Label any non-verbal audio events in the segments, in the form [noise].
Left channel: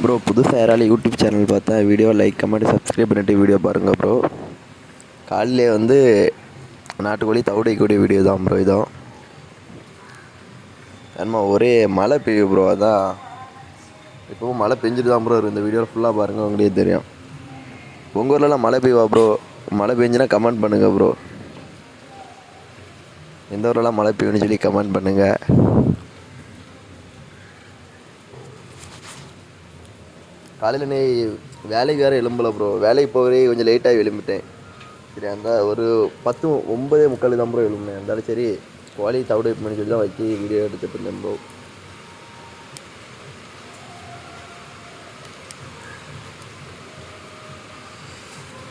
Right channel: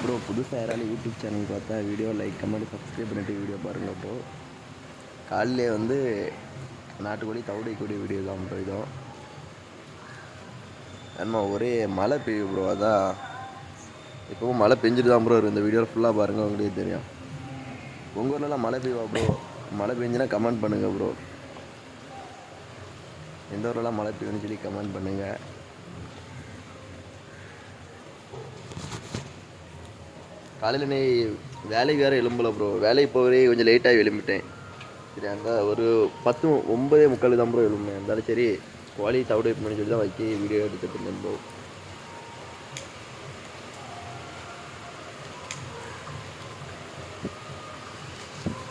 Bro புதுசாக யாராலும் YouTube channel பார்த்தா வீடியோ லைக் கமெண்ட் சப்ஸ்கிரைப் பண்ணிட்டு வீடியோ பாருங்கள் ப்ரோ காலையிலே வந்து நாட்டுக்கோழி தவிடைக்கூடிய வீடியோ தான் ப்ரோ இதான் ஆமா ஒரே மழை பெய்யும் ப்ரோ அதான். இப்போவும் மழை பெஞ்சிட்டு தான் ப்ரோ இந்த வீடியோ ஃபுல்லாக பாருங்கள் உங்களுக்கே தெரியும். உங்கள் ஊர்லலாம் மழை பெய்வா ப்ரோ மழை பெஞ்சுன்னா கமெண்ட் பண்ணுங்கள் ப்ரோ எந்த ஊர்லலாம் மழை பெய்யும்னு சொல்லி கமெண்ட் பண்ணுங்கள் காலையில் நீ வேலைக்கு வேறு எழும்பல ப்ரோ வேலைக்கு போகிறே கொஞ்சம் லேட்டாகி எழும்பிட்டேன். சரி அந்த ஒரு பத்து ஒன்பதே முக்கால் தான் ப்ரோ எழும்பினேன். இருந்தாலும் சரி கோழி தவிடு பண்ணி சொல்லி தான் வச்சு வீடியோ எடுத்துட்டு இருந்தேன் ப்ரோ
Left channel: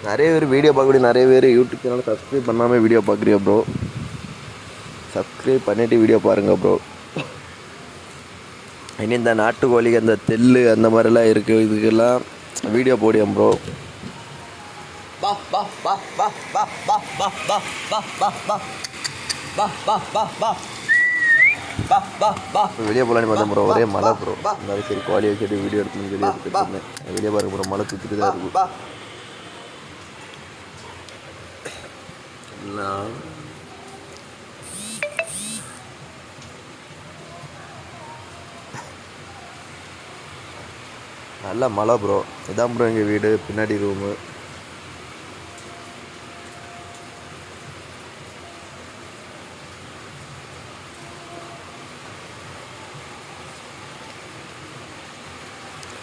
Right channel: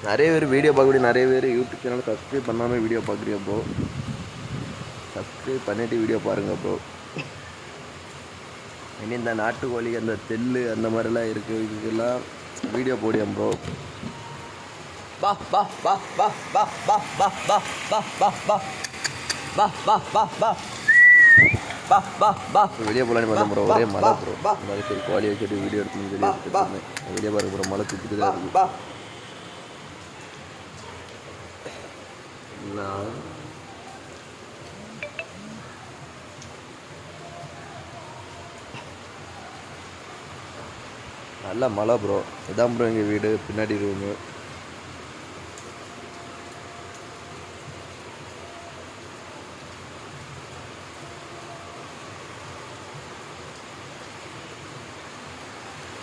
நிறைய பேர் வீடியோ பார்க்கக்கூடிய நிறைய பேர் யூடியூப் சேனல் சப்ஸ்கிரைப் பண்ணாமல் வீடியோ பார்க்குறியா ப்ரோ சப்ஸ்கிரைப் பண்ணிவிட்டு வீடியோ பாருங்கள் ப்ரோ இனி இந்த நாட்டுக்கோழி அந்த தெல் அந்த மாதிரிலாம் இருக்குது இதுக்கெல்லாம் வீடியோ போடியம் ப்ரோ வீடியோ போகலான்னு பார்த்தேன் ப்ரோ ஒரே மழை ப்ரோ அதாவது சரி கோழி வச்சுட்டு வீடியோ எடுக்கணும்னு சொல்லி எடுத்துட்டு இருந்தேன் பாருங்க ப்ரோ மழை தூக்கிட்டு தான் இருக்கும் நான் நல்ல மழை ப்ரோ இதான் ப்ரோ எங்கள் வீடு பின்னாடி ரூமு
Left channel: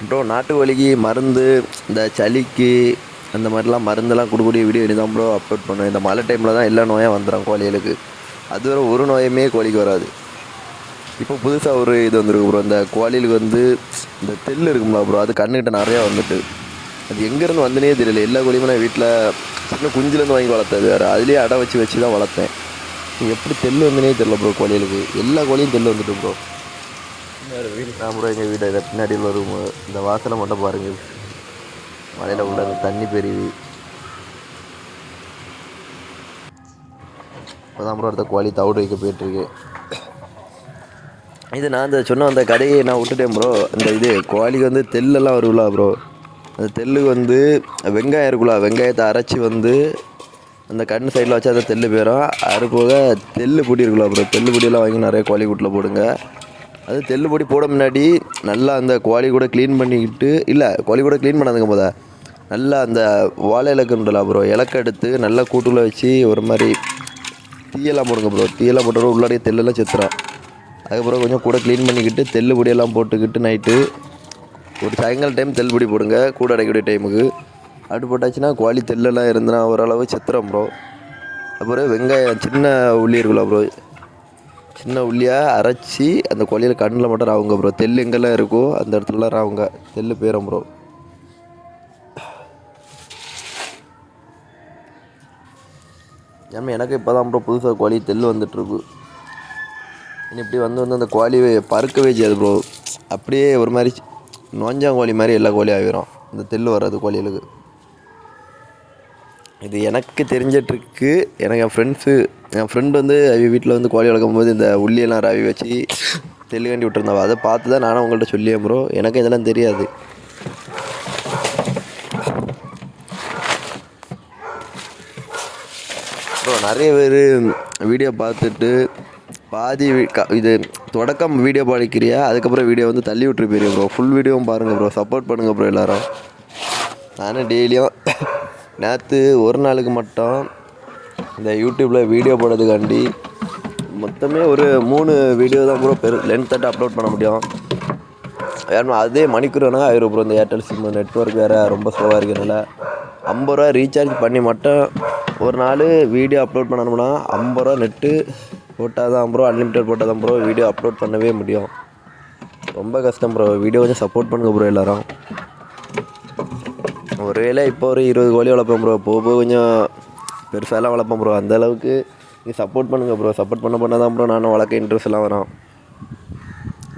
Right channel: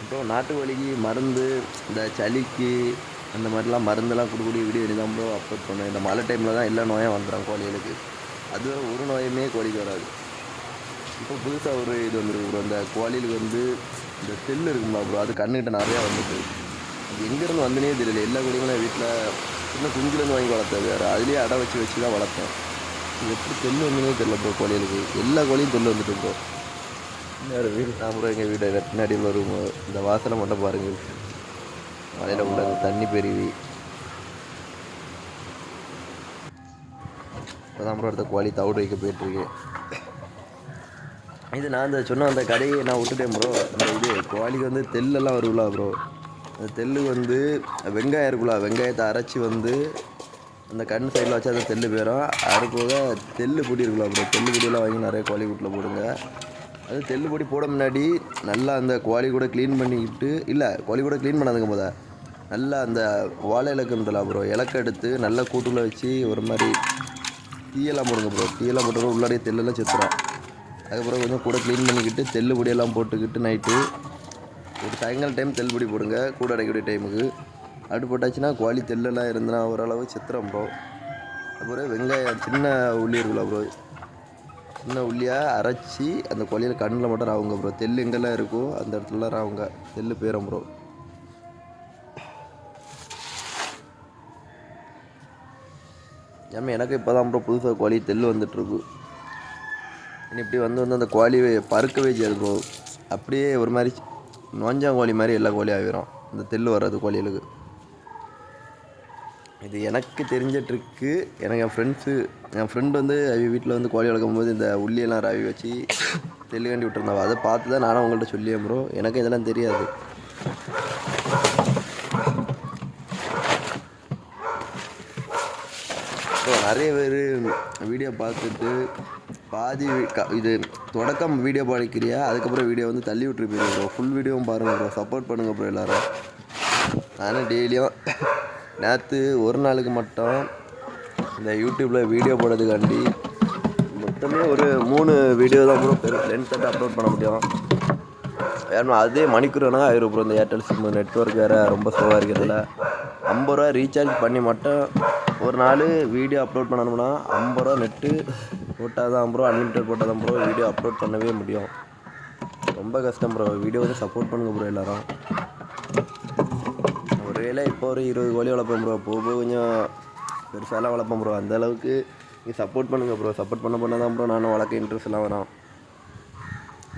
ப்ரோ நாட்டு வலிக்கு மருந்து இந்த சளிக்கு அந்த மாதிரிலாம் மருந்தெல்லாம் கொடுக்கக்கூடிய வீடியோ இனி தான் ப்ரோ அப்லோட் பண்ணுவேன். இந்த மழை டைமில் தான் எல்லா நோயும் வந்துடும் கோழிகளுக்கு. அதுவரை ஒரு நோயுமே கோழிக்கு வராது. இப்போ புதுசாக ஒரு இது வந்துருக்கு ப்ரோ இந்த கோழிலுக்கு வந்து இந்த தெல்லு இருக்குங்களா ப்ரோ அது கண்ணுக்கிட்ட நிறையா வந்துட்டு. அது எங்கேருந்து வந்துனே தெரியல. எல்லா கோழியுமே நான் வீட்டில் சின்ன குஞ்சுலேருந்து வாங்கி வளர்த்தது வேறு. அதுலேயே அடை வச்சு வச்சு தான் வளர்த்தேன். எப்படி தெல்லு வந்துனே தெரியல ப்ரோ கோழிகளுக்கு எல்லா கோழியும் தெல்லு வந்துட்டு ப்ரோ வேறு வீடு. நான் ப்ரோ எங்கள் இதை பின்னாடி உள்ள ரூமு இந்த வாசலை மட்டும் பாருங்கள் மலையில் உள்ள தண்ணி பெருவி. இப்போதான் ப்ரோ அடுத்த கோழி தவிடு வைக்க போயிட்டுருக்கு இது நான் இந்த சொன்ன அந்த கடையை நான் விட்டுட்டேன் ப்ரோ இந்த இது கோழிக்கு வந்து தெல்லெல்லாம் வருங்களா ப்ரோ அந்த தெல்லுக்கு வந்து வெங்காயம் இருக்குல்ல வெங்காயத்தை அரைச்சி வந்து அந்த கண் சைடில் வச்சா அந்த தெல்லு போயிடும் அது போக தெல்லு பொடி இருக்குல்ல ப்ரோ தெல்லு பொடியெல்லாம் வாங்கி நிறைய கோழி கூட்டில் போடுங்க. அது தெல்லு பொடி போட முன்னாடி நல்லா அந்த கோழி கூட க்ளீன் பண்ணிக்கிட்டு இல்லை கோழி கூட க்ளீன் பண்ணாதுங்க போதா. நல்லா அந்த வாழை இலக்குன்றல ப்ரோ இலக்க எடுத்து நல்லா கூட்டுக்குள்ளே வச்சு ஒரு மாதிரி தீயெல்லாம் போடுங்க ப்ரோ தீயெல்லாம் போட்டு உள்ளாடியே தெல்லெல்லாம் செத்துறோம் அதுக்கப்புறம் கொஞ்சம் கூட க்ளீன் பண்ணிக்கிட்டு தெல்லு பொடியெல்லாம் போட்டுக்கிட்டு நைட்டு ஒரு சாயங்காலம் டைம் தெல் பொடி போடுங்க கூட அடைக்கக்கூடிய டைமுக்கு அடுப்பு போட்டாச்சுன்னா குவாலி தெல்லெல்லாம் இருந்தனா ஓரளவு செத்துறோம் ப்ரோ அப்புறம் வெங்காயம் சின்ன உள்ளி இருக்குல்ல ப்ரோ சின்ன உள்ளியாக அரைச்சி அந்த கோழியில் கண்ணில் மட்டும் ராவுங்க ப்ரோ தெல் எங்கெல்லாம் இருக்கோ அந்த இடத்துலலாம் ராவுங்க. தெல் போயிடும் ப்ரோ ஏன்னா எனக்கு இப்போ தான் ப்ரோ புதுசாக கோழி தெல் வந்துட்டுருக்கு இப்படி வந்து வந்து அந்த கோழி பறக்கவே செய்யாது ப்ரோ அப்படியே ஒரு மாதிரி நோஞ்சாங்கோழி மாதிரி எல்லா கோழியும் ஆகிரும் அந்த தெல் வராது கோழிகளுக்கு. இது எனக்கு தெரிஞ்ச ட்ரிக்கு எனக்கு என் ஃப்ரெண்ட்ஸு என் ஃப்ரெண்டு வந்து அவி வீட்டில் வந்து கோழி வளர்க்கும் போது இந்த உள்ளியெல்லாம் ரவி வச்சு தெல்லு வேண்டி விட்டுருந்தாவ. அதை பார்த்து தான் நானும் உங்கள்கிட்ட சொல்லியேன் ப்ரோ எனக்கு இதெல்லாம் தெரியாது. ப்ரோ நிறைய பேர் வீடியோ பார்த்துட்டு பாதி க- இது தொடக்கம் வீடியோ படிக்கிறியா? அதுக்கப்புறம் வீடியோ வந்து தள்ளி விட்டுரு போயிருக்கோம் ப்ரோ ஃபுல் வீடியோவும் பாருங்கள் ப்ரோ சப்போர்ட் பண்ணுங்கள் ப்ரோ எல்லாரும். நானும் டெய்லியும் [coughs] நேற்று ஒரு நாளுக்கு மட்டும் இந்த யூடியூப்பில் வீடியோ போடுறதுக்காண்டி மொத்தமே ஒரு மூணு வீடியோ தான் ப்ரோ பெரு லென்த்தாட்டு அப்லோட் பண்ண முடியும். ஏன்னா அதே மணிக்கூர் வேணால் ஆயிரும் ப்ரோ இந்த ஏர்டெல் சிம் நெட்ஒர்க் வேறு ரொம்ப ஸ்லோவாக இருக்கிறதுல. ஐம்பது ரூபா ரீசார்ஜ் பண்ணி மட்டும் ஒரு நாள் வீடியோ அப்லோட் பண்ணணும்னா ஐம்பது ரூபா நெட்டு போட்டால் தான் ப்ரோ அன்லிமிட்டட் போட்டால் தான் ப்ரோ வீடியோ அப்லோட் பண்ணவே முடியும். ரொம்ப கஷ்டம் ப்ரோ வீடியோ கொஞ்சம் சப்போர்ட் பண்ணுங்க ப்ரோ எல்லாரும். ஒருவேளை இப்போ ஒரு இருபது கோழி வளர்ப்பேன் ப்ரோ போக போக கொஞ்சம் பெருசாலாம் வளர்ப்பேன் ப்ரோ அந்த அளவுக்கு நீங்கள் சப்போர்ட் பண்ணுங்கள் ப்ரோ சப்போர்ட் பண்ண பண்ண தான் ப்ரோ நானும் வளர்க்க இன்ட்ரெஸ்ட்லாம் வரும்.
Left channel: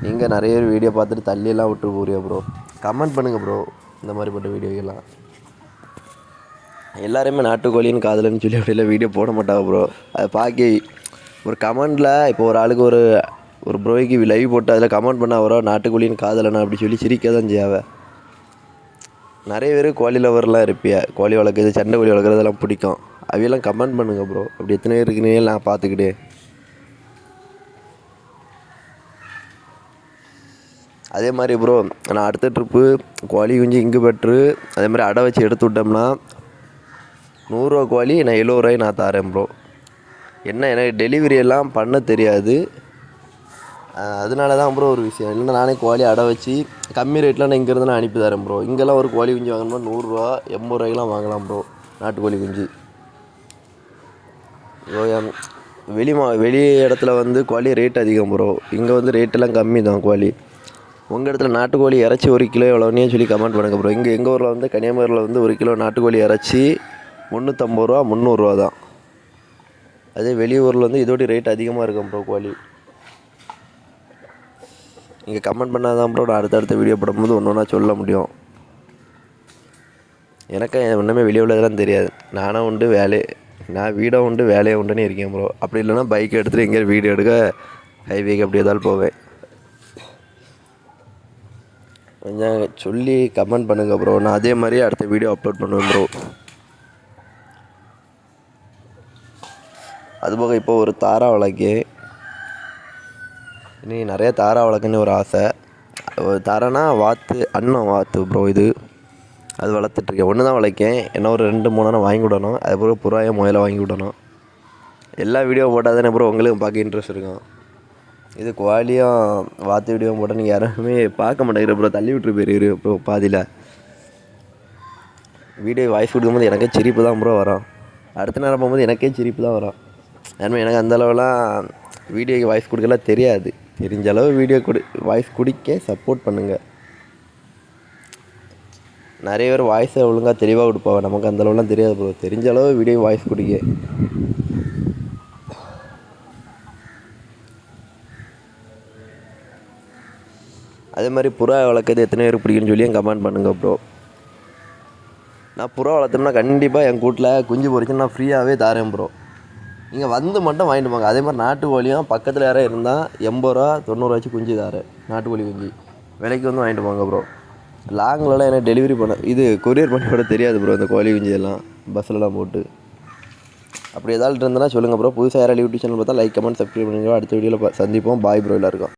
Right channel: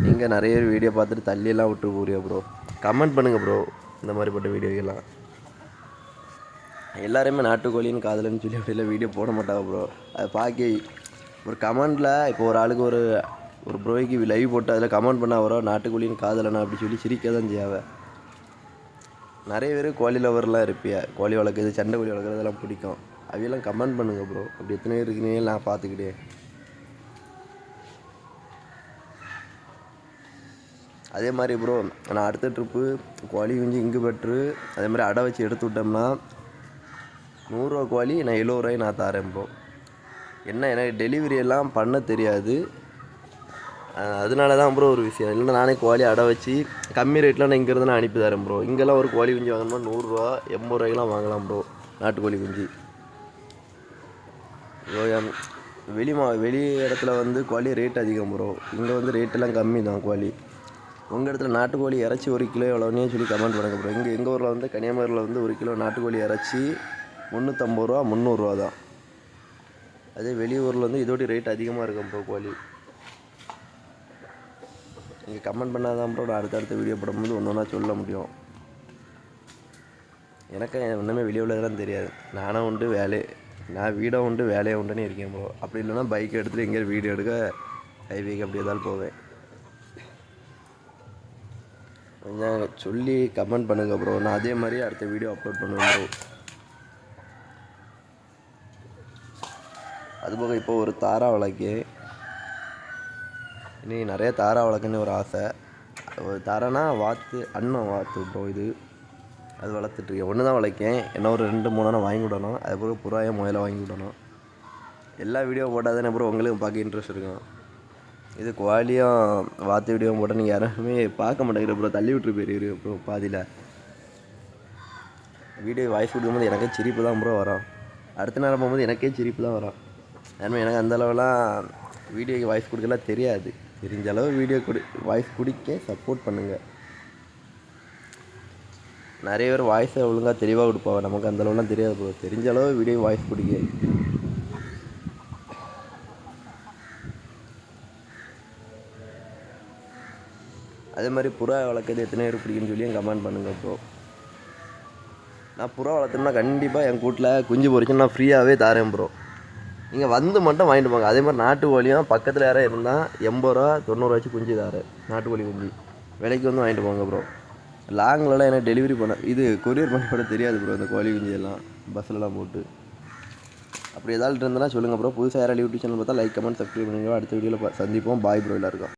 நீங்கள் நிறைய பேர் வீடியோ பார்த்துட்டு தள்ளியெல்லாம் விட்டு போறியா ப்ரோ கமெண்ட் பண்ணுங்கள் ப்ரோ இந்த மாதிரிப்பட்ட வீடியோக்கெல்லாம் எல்லாருமே நாட்டுக்கோழின்னு காதலன்னு சொல்லி அப்படிலாம் வீடியோ போட மாட்டாங்க ப்ரோ அதை பார்க்க ஒரு கமெண்டில் இப்போ ஒரு ஆளுக்கு ஒரு ஒரு ப்ரோய்க்கு லைவ் போட்டு அதில் கமெண்ட் பண்ண வரோ நாட்டுக்கோழின்னு காதலனா? அப்படி சொல்லி சிரிக்க தான் செய்யாவ. நிறைய பேர் கோழி லவர்லாம் இருப்பியா? கோழி வளர்க்குறது சண்டை கோழி வளர்க்குறதெல்லாம் பிடிக்கும். அவையெல்லாம் கமெண்ட் பண்ணுங்க ப்ரோ அப்படி எத்தனை பேர் இருக்குன்னு நான் பார்த்துக்கிட்டு. அதே மாதிரி ப்ரோ நான் அடுத்த ட்ரிப்பு கோழி குஞ்சு இங்கு பெற்று அதே மாதிரி அடை வச்சு எடுத்து விட்டோம்னா நூறுரூவா கோழி நான் எழுபது ரூபாய் நான் தரேன் ப்ரோ என்ன எனக்கு டெலிவரி எல்லாம் பண்ண தெரியாது. அதனால தான் ப்ரோ ஒரு விஷயம். இல்லைன்னா நானே கோழி அடை வச்சு கம்மி ரேட்டில் நான் இங்கேருந்து நான் அனுப்பி தரேன் ப்ரோ இங்கெல்லாம் ஒரு கோழி குஞ்சு வாங்கணும்னா நூறுரூவா எண்பது ரூபாய்க்கெலாம் வாங்கலாம் ப்ரோ நாட்டுக்கோழி குஞ்சு. ப்ரோ வெளி மா வெளி இடத்துல வந்து கோழி ரேட் அதிகம் ப்ரோ இங்கே வந்து ரேட்டெல்லாம் கம்மி தான் கோழி. உங்கள் இடத்துல நாட்டுக்கோழி இறச்சி ஒரு கிலோ எவ்வளோன்னு சொல்லி கமெண்ட் பண்ணுங்கள் ப்ரோ இங்கே எங்கள் ஊரில் வந்து கன்னியாகுமரியில் வந்து ஒரு கிலோ நாட்டுக்கோழி இறச்சி முந்நூற்றம்பது ரூபா முந்நூறுரூவா தான் அதே வெளியூரில் வந்து இதோட ரேட் அதிகமாக இருக்கும் ப்ரோ கோழி நீங்கள் கமெண்ட் பண்ணால் தான் ப்ரோ நான் அடுத்தடுத்த வீடியோ போடும்போது ஒன்று ஒன்றா சொல்ல முடியும். எனக்கு ஒன்றுமே வெளியே உள்ளதெல்லாம் தெரியாது. நானும் உண்டு வேலை நான் வீடும் உண்டு வேலையும் உண்டுன்னு இருக்கேன் ப்ரோ அப்படி இல்லைன்னா பைக் எடுத்துகிட்டு எங்கேயாவது வீடியோ எடுக்க ஹைவேக்கு அப்படி ஏதாவது போவேன். கொஞ்சம் சொல்லி கமெண்ட் பண்ணுங்கள் ப்ரோ நான் அதே மாதிரி அடுத்த வீடியோ அப்லோட் பண்ணுவேன் ப்ரோ அதுபோக இப்போ ஒரு தாரா வழக்கு. இனி நிறைய தாரா வளர்க்கணும்னு ஒரு ஆசை. ஒரு தாரானா வாத்து அண்ணன் வாத்து ப்ரோ இது. அது வளர்த்துட்ருக்கேன். ஒன்று தான் வளர்க்கேன் என்ன ஒரு ரெண்டு மூணு நேரம் வாங்கி விடணும் அதுக்கப்புறம் புறாயம் முயலை வாங்கி விடணும் எல்லா வீடியோ போட்டால் தானே ப்ரோ உங்களுக்கு பார்க்க இன்ட்ரெஸ்ட் இருக்கும். இது குவாலியாக வாத்து வீடியோ போட்டால் நீங்கள் யாருமே பார்க்க மாட்டேங்கிற ப்ரோ தள்ளி விட்டுரு போயிரு ப்ரோ பாதியில். வீடியோ வாய்ஸ் கொடுக்கும்போது எனக்கே சிரிப்பு தான் ப்ரோ வரும். அடுத்த நேரம் போகும்போது எனக்கே சிரிப்பு தான் வரும். ஏன்னா எனக்கு அந்தளவுலாம் வீடியோக்கு வாய்ஸ் கொடுக்கலாம் தெரியாது. தெரிஞ்ச அளவு வீடியோ கொடு வாய்ஸ் குடிக்க சப்போர்ட் பண்ணுங்கள் நிறைய பேர் வாய்ஸை ஒழுங்காக தெளிவாக கொடுப்பாங்க. நமக்கு அந்த அளவுலாம் தெரியாது ப்ரோ தெரிஞ்ச அளவு வீடியோ வாய்ஸ் குடிக்க அதே மாதிரி புறா வளர்க்குறது எத்தனை பேர் பிடிக்குன்னு சொல்லி கமெண்ட் பண்ணுங்கள் ப்ரோ நான் புறா வளர்த்தோம்னா கண்டிப்பாக என் கூட்டில் குஞ்சு பொறிச்சு நான் ஃப்ரீயாகவே தாரேன் ப்ரோ நீங்கள் வந்து மட்டும் வாங்கிட்டு போங்க. அதே மாதிரி நாட்டு கோழியும் பக்கத்தில் யாராவது இருந்தால் எண்பது ரூபா தொண்ணூறுவாச்சும் குஞ்சு நாட்டு கோழி குஞ்சு. விலைக்கு வந்து வாங்கிட்டு போங்க ப்ரோ லாங்லலாம் எனக்கு டெலிவரி பண்ண இது கொரியர் பண்ண கூட தெரியாது ப்ரோ இந்த கோழி குஞ்சு எல்லாம். பஸ்லலாம் போட்டு. அப்படி ஏதாவது இருந்ததுன்னா சொல்லுங்கள் ப்ரோ புதுசாக யாராவது யூடியூப் சேனல் பார்த்தா லைக் கமெண்ட் சப்ஸ்கிரைப் பண்ணுங்க அடுத்த வீடியோவில் சந்திப்போம். பாய் ப்ரோ எல்லாருக்கும்.